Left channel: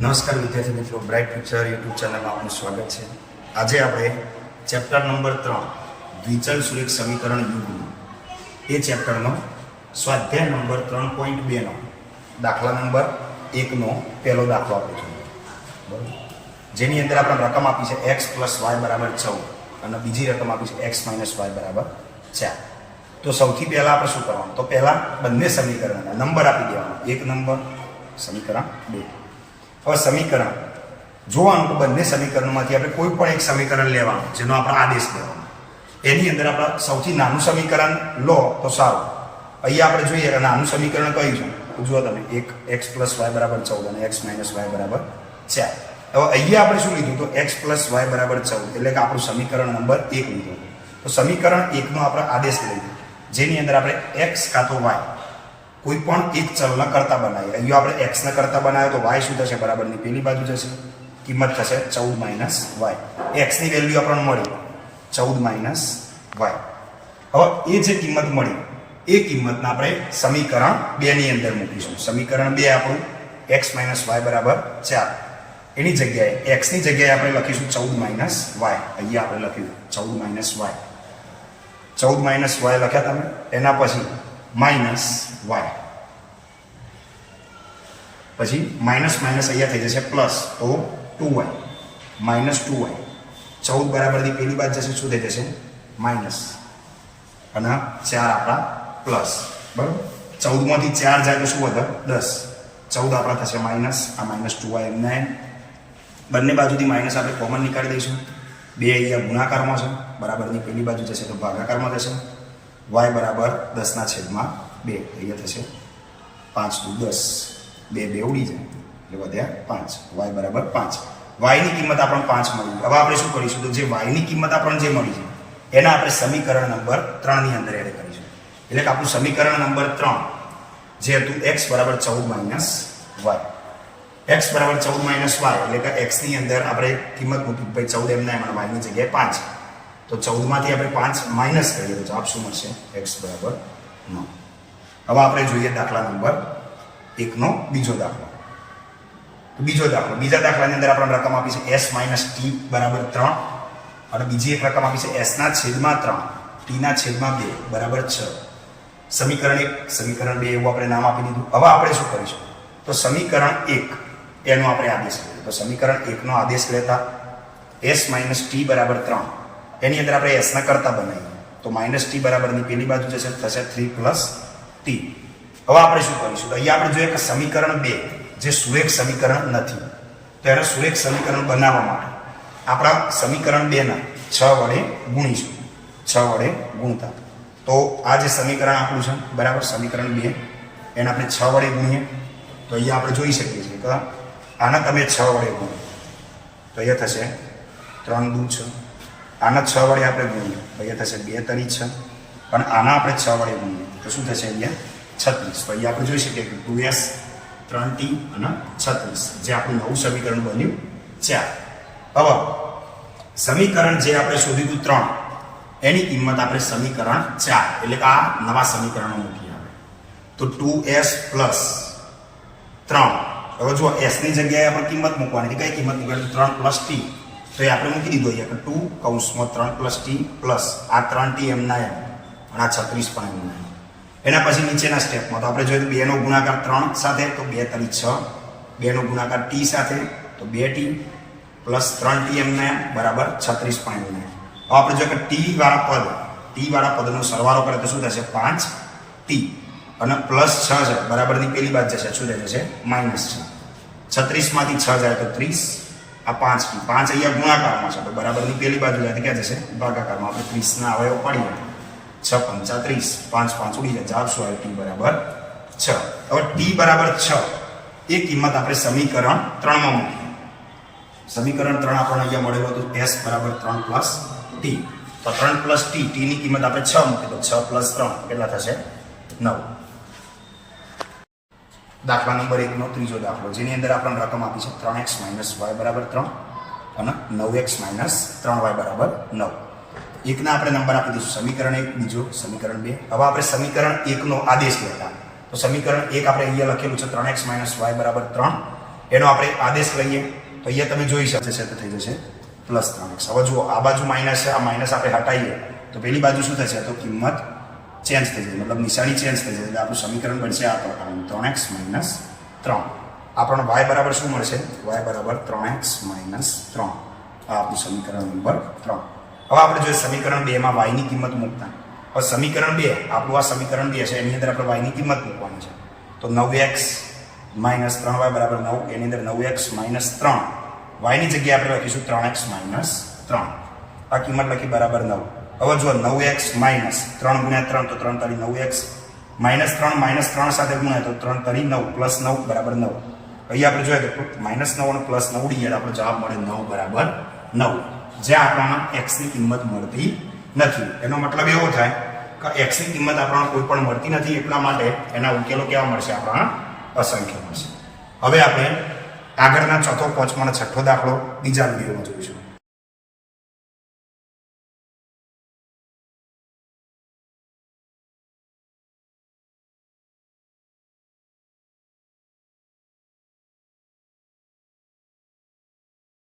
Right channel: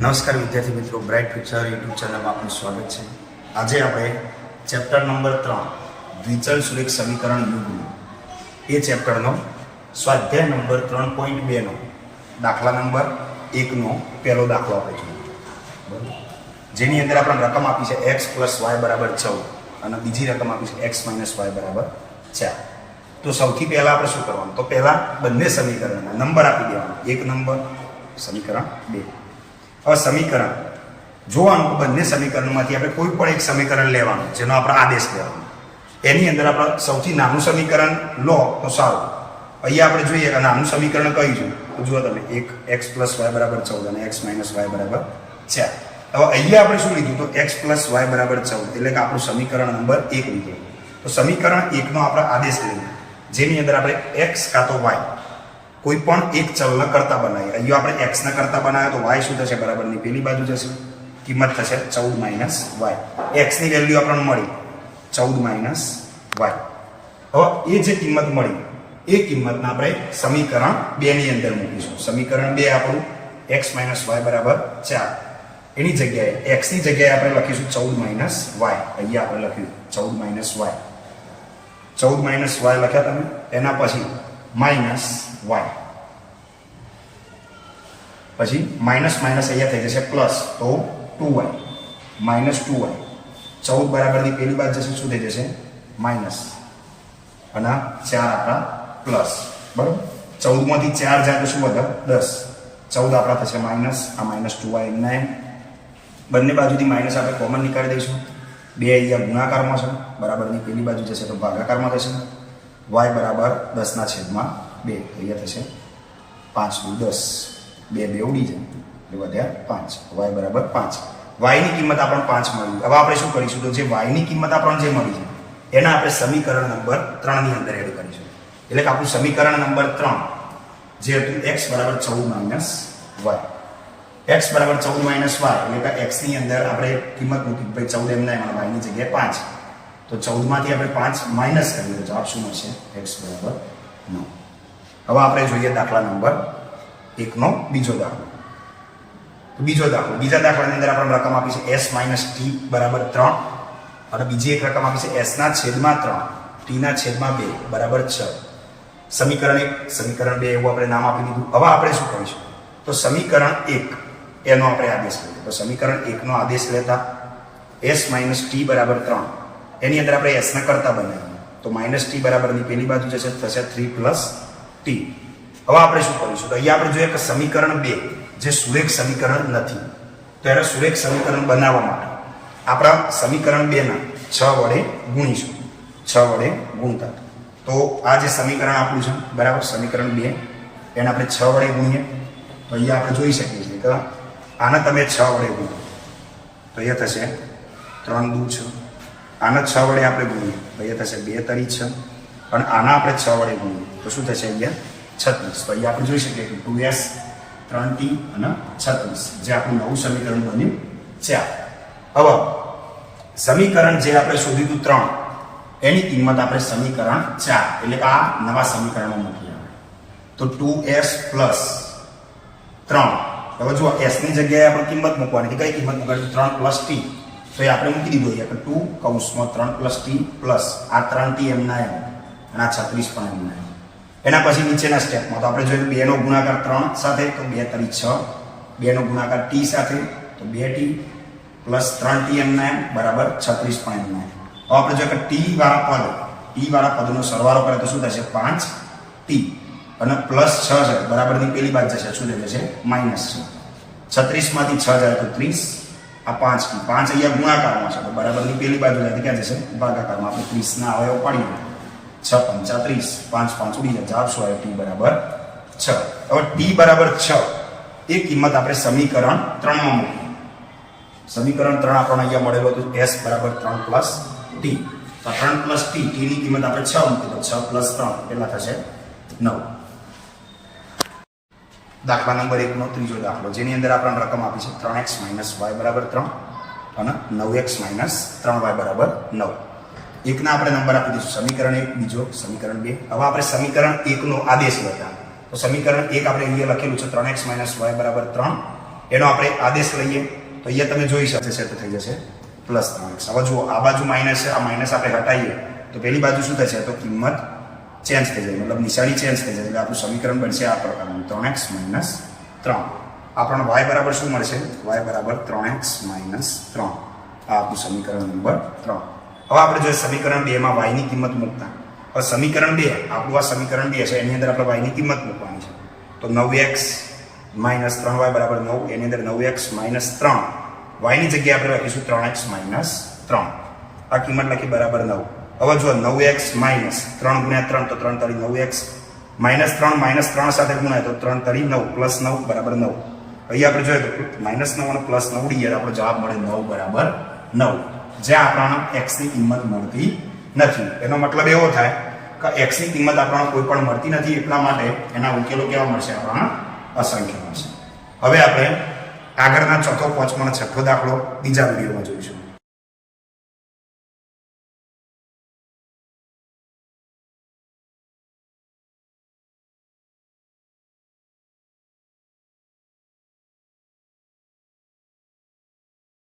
નમસ્કાર વિદ્યાર્થી મિત્રો, બ્રાઇટ ફ્યુચર યુટ્યુબ ચેનલમાં આપનું સ્વાગત છે. આજે આપણે ચેપ્ટર નંબર 3 દ્વિચલ સુરેખ સમીકરણ યુગ્મ એ ચેપ્ટરનો સ્વાધ્યાય નંબર 3.2 નો દાખલા નંબર 1 નો પહેલો દાખલો આપણે જોઈએ, બરાબર, જેની અંદર આપણે રકમ આપી છે x + y = 14 અને બીજી રકમ આપી છે x - y = 4. તો સૌથી પહેલા આપણે શું કરવાનું, તો પહેલા બંને સમીકરણના નંબર આપી દેવાના. એક નંબર, સમીકરણ 2. હવે સમીકરણ જોવાનું, બંને સમીકરણોમાંથી આપણે કોઈ પણ એક સમીકરણ લેવાનું જેનો આપણે આદેશ લેવાનો. એની અંદર આપણે સૌથી નાનું સમીકરણ લો તો સારું. અહીંયા આપણે જોઈએ કે નાનું સમીકરણ કયું છે, તો જુઓ તમે, એક x + y = 14 અને x - y = 4. હવે અહીંયા આપણે શું લીધું, તો x + y = 14, એટલે કે આપણું સમીકરણ નંબર 1 લીધું. તો સમીકરણ 1 નો આપણે આદેશ લઈએ, જેની અંદર આપણે x કાં તો y કોઈ પણ એક ચલના કરતા બનાવીએ. અહીંયા આપણે x ના કરતા બનાવ્યો તો y શું થશે, બરાબરની પેલી બાજુ જશે, કિંમત થશે 14 - y. x ની વેલ્યુ આપણને મળી 14 - y. હવે એ જે કિંમત મળી એ કિંમતને આપણે સમીકરણ 2 ની અંદર મૂકીશું. સમીકરણ 2 આપણું x - y = 4. એની જગ્યાએ x ની જગ્યાએ આપણે લખીશું 14 - y. અહીંયા આપણે લખ્યું 14 - y. 14 - y લખ્યા તમે, એના પછી માઇનસ y, પછી માઇનસ માઇનસ અહીંયા થઈ જશે પ્લસ, તો 2y - 2y. 14 બરાબરની પેલી બાજુ જશે, શું થઈ જશે, માઇનસ, અને 4 આપણા પ્લસ, બરાબર. 14 માંથી 4 જાય તો શું વધે, 10. 14 આપણા થશે માઇનસ, આ -2y એમના એમ. બંને બાજુથી માઇનસ આપણે કોમન નીકાળી દઈશું. 2 અહીંયા ગુણાકારમાં છે, બરાબરની પેલી બાજુ જશે તો ભાગાકારમાં થશે. y બરાબર 10/2, અહીંયા થશે 5 × 10, 2 ઉડી જાય એટલે વધ્યા 5. y બરાબર 5. y ની કિંમત આપણને 5 મળી. હવે આપણે શું કરીશું, તો જે y ની કિંમત આપણને જે મળી છે એના આપણે સમીકરણ નંબર 3 ની અંદર એડ કરીશું. એટલે કે આપણું સમીકરણ નંબર 3 જે હતું x = 14 - y. x = 14 - y એટલે કે x ની અંદર આપણે કિંમત મૂકી, ભાઈ 14 એમના એમ, y ની જગ્યાએ 5. તો 14 માંથી આપણે 5 માઇનસ કરીએ તો જવાબ શું મળશે, x = 9. હવે આપણે જોઈએ દાખલા નંબર 1 નો બીજો દાખલો. બીજા દાખલાની અંદર આપણે રકમ આપી છે s - t = 3 અને બીજી એક રકમ આપી છે s/3 t/2 = 6. સમીકરણ 1, સમીકરણ 2 એવું આપણે નામ આપી દીધું. હવે આપણે શું કરીશું, તો સમીકરણ 1 એનો આપણે આદેશ લઈએ. તો સમીકરણ 1 નો આદેશ લેતા s - t = 3, એની અંદર આપણે s ના કરતા બનાવીએ તો -t બરાબરની પેલી બાજુ જશે, થશે 3 + t. હવે આપણે શું કરીશું, તો અહીંયા આપણે જોઈએ કે સમીકરણ 2 જે સુરેખ સમીકરણ નથી, તો એને સુરેખ સમીકરણ બનાવવા માટે આપણા સમીકરણ 2 ના 6 વડે ગુણીશું. 6 વડે ગુણતા તો આ જે સમીકરણ આપણું છે, બરાબર, સમીકરણ 2 એને આપણે 6 વડે ગુણીએ તો અહીંયા આપણે જોઈ શકીએ છીએ કે આના તમે 6 વડે ગુણો તો અહીંયા થશે 3 × 2 = 6. આના 6 વડે આપણે ગુણીએ તો અહીંયા થશે 2 × 3 = 6, અને આના આપણે 6 વડે ગુણીએ તો શું થશે, અહીંયા 36. તો અહીંયા આપણે જોઈ શકીએ કે 2s 3t અને 36 જે આપણું નવું સમીકરણ બન્યું 4. હવે સમીકરણ જે આપણે શોધ્યું હતું 3, એની કિંમત આપણે સમીકરણ 4 એટલે કે આ નવા સમીકરણમાં મૂકી આવે તો 2s + 3. હવે જો s ની જગ્યાએ આપણે કિંમત મૂકવાની, કે કઈ કિંમત મૂકવાની, 3 + t. તો એ આપણે મૂકી દીધું અહીંયા કે 2 × 3 + t પ્લસ આ 3t એમના એમ અને આ 36 પણ એમના એમ. એના પછી નીચેના સ્ટેપમાં તો આપણે જોયું 2 નો ગુણાકાર 3 સાથે તો 2 × 3 = 6, 2 નો ગુણાકાર t સાથે તો 2t પ્લસ 3t એમના એમ બરાબર 36 પણ એમના એમ. હવે આપણે જોઈએ કે t વાળા પદનો સરવાળો કરે તો શું થશે, 5t અને પ્લસ 6 છે, બરાબરની પેલી બાજુ જશે, શું થઈ જશે, -6. 36 માંથી 6 જાય તો 30, આ 5t, 5 અહીંયા ગુણાકારમાં છે તો બરાબરની પેલી બાજુ જાય તો ક્યાં જશે, ભાગાકારમાં. આપણે 30 ના અવયવ પાડીએ 6 × 5 = 30, 5 × 5 ઉડી જાય, જવાબ શું આવ્યો, t = 6. હવે t = 6 એ કિંમત આપણે સમીકરણ 3 માં મૂકીએ. સમીકરણ 3 આપણને અહીંયા મળેલું હતું s = 3 + t. તો 3 + t, t ની કિંમત આપણે 6 મૂકીએ તો 6 + 3 કેટલા થશે, 9. દાખલા નંબર 1 નો ત્રીજો દાખલો, જેની અંદર આપણને રકમ આપી છે 3x - y = 3 અને 9x - 3y = 9. એકના આપણે નંબર આપી દઈશું, સમીકરણ 1, બીજો સમીકરણ 2. હવે આપણે સમીકરણ 1 નો આદેશ લેતા તો સમીકરણ 1 આપણે અહીંયા લખેલું છે 3x - y = 3 એનો આપણે આદેશ લઈએ તો અહીંયા તમે જોઈ શકો સેટ થઈ જશે પ્લસ 3x. હવે જુઓ આ બાજુ માઇનસ છે, આ માઇનસ આપણે હટાવીએ તો પેલી બાજુ શું થશે તો કિંમત ચેન્જ થઈ જાય, મતલબ નિશાની ચેન્જ થઈ જાય એટલે આપણું સમીકરણ બનશે આ પ્રકારનું 3x - 3. આપણને y બરાબર શું મળશે y બરાબર 3x - 3. આ આપણું સમીકરણ નંબર 3. હવે આપણે જોઈએ સમીકરણ 2 માં y ની કિંમત મૂકતા. હવે સમીકરણ 2 આપણું આ સમીકરણ 2 છે એની અંદર આપણે y ની કિંમત મૂકવાની છે તો 9x - 3y બરાબર 9. એની અંદર 9x - 3 y ની જગ્યાએ આપણે લખીશું 3x - 3. આ કિંમત લખી બરાબર 9. હવે જો 9x - 3 ગુણ્યા 3 તો 3 તારી 9x -3 -3 સાથે ગુણાય તો 3 તારી 9 પ્લસ 9 બરાબર 9. અહીંયા આપણે જોઈએ તો -9 અને +9 ઉડીએ તો આપણો જવાબ મળે 9 બરાબર 9. જ્યાં આપણને x ની કિંમત મળતી નથી. એનો મતલબ એવો થાય કે x ની કિંમત આપણને કોઈ પણ મળતી નથી, એટલા માટે એના ઉકેલો કેવા મળશે આપણને અસંખ્ય મળશે. હવે આપણે આગળના ચોથો, પાંચમો અને છઠ્ઠો દાખલો બીજા વિડીયોમાં જોઈશું.